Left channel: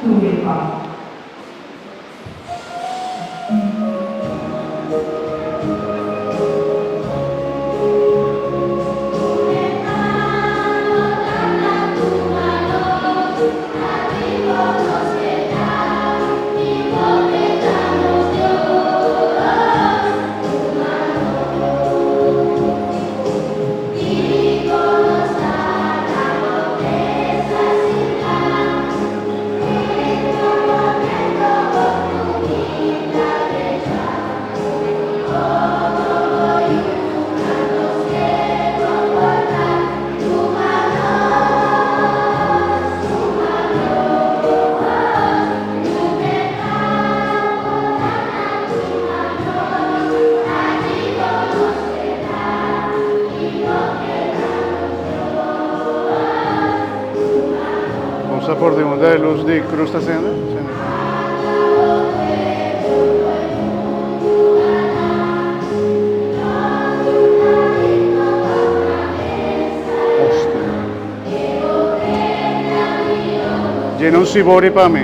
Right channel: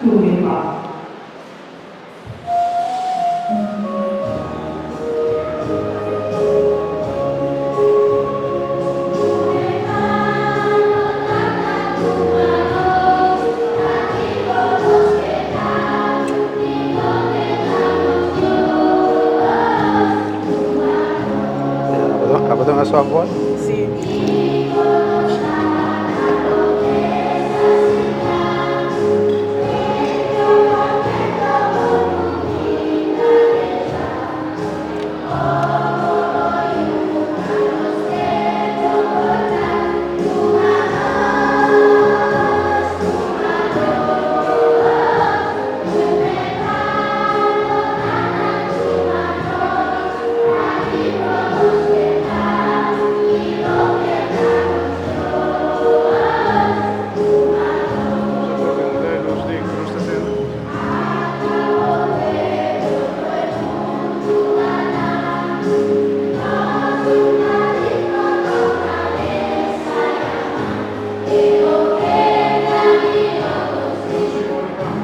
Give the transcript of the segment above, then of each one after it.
tu mio Padre. Acabo de hacer agua. Vamos a por de modelos de cruz está haciendo. Llena un sibori para mí.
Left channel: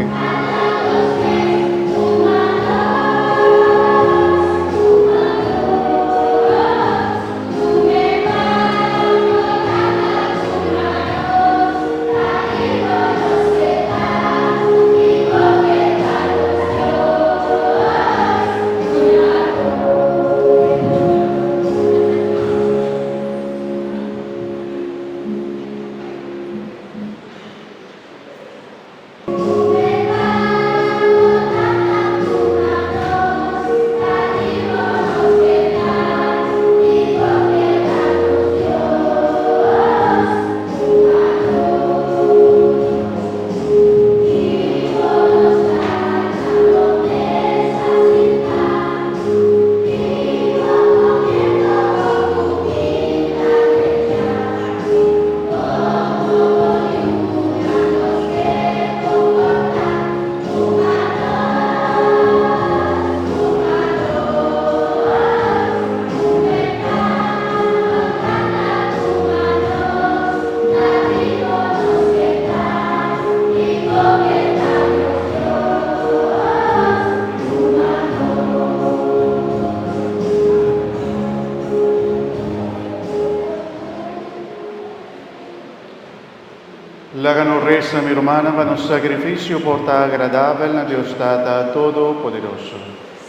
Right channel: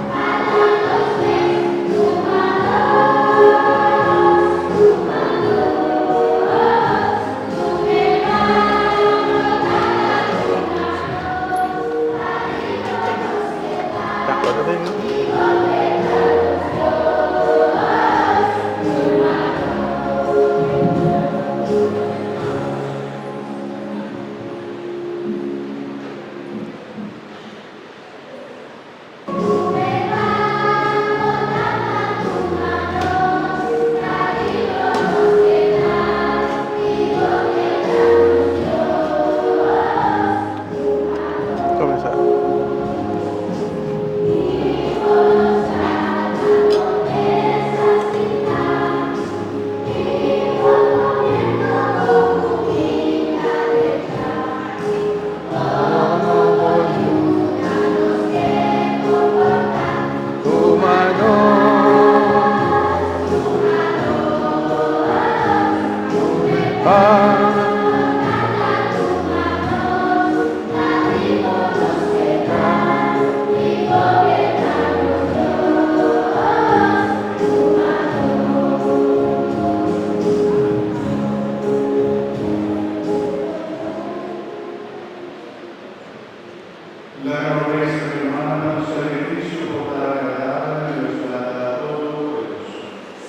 L'agano resta mi romana, ma un sacrificio porta agradable a Dios data Todopoderoso.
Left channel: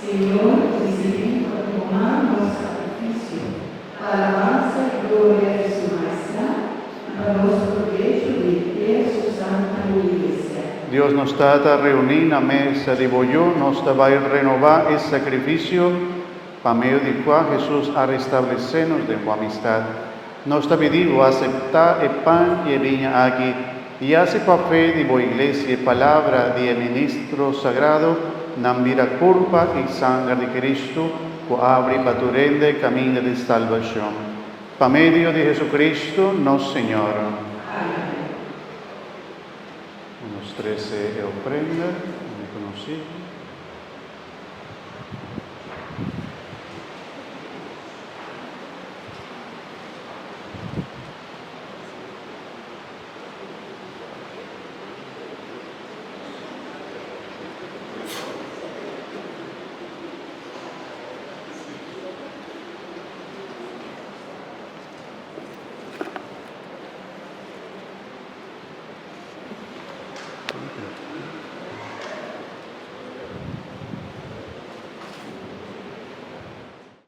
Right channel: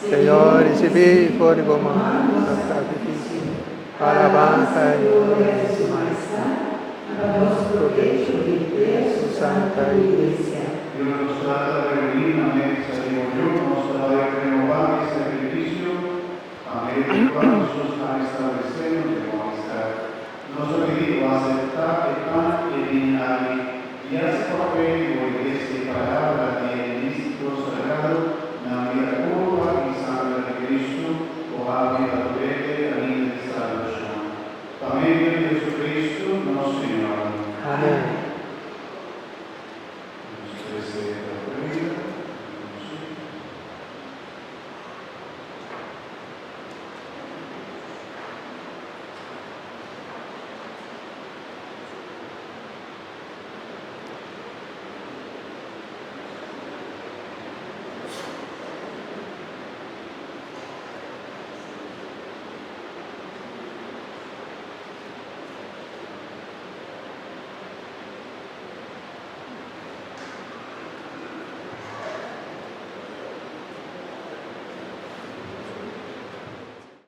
Señor, recibí por comando sacrificio, alabanza y gloria de su majestad, a nuestro provecho de su santa iglesia. Dios nos data reunir a mesa de bollo, nos va a renovar el sacrificio, para medio de cual Jesús ha restablecido de su amistad. Nos ha pedido aceptar el pan y el vino aquí, y hace papel de la iglesia palabra de ministro sagrado, na mira culpa y sangre de Cristo, que abre la torrente camino de salvación. Para medio de Jesucristo, nuestro Señor. Amén. Los 13 ofrenda, conocido.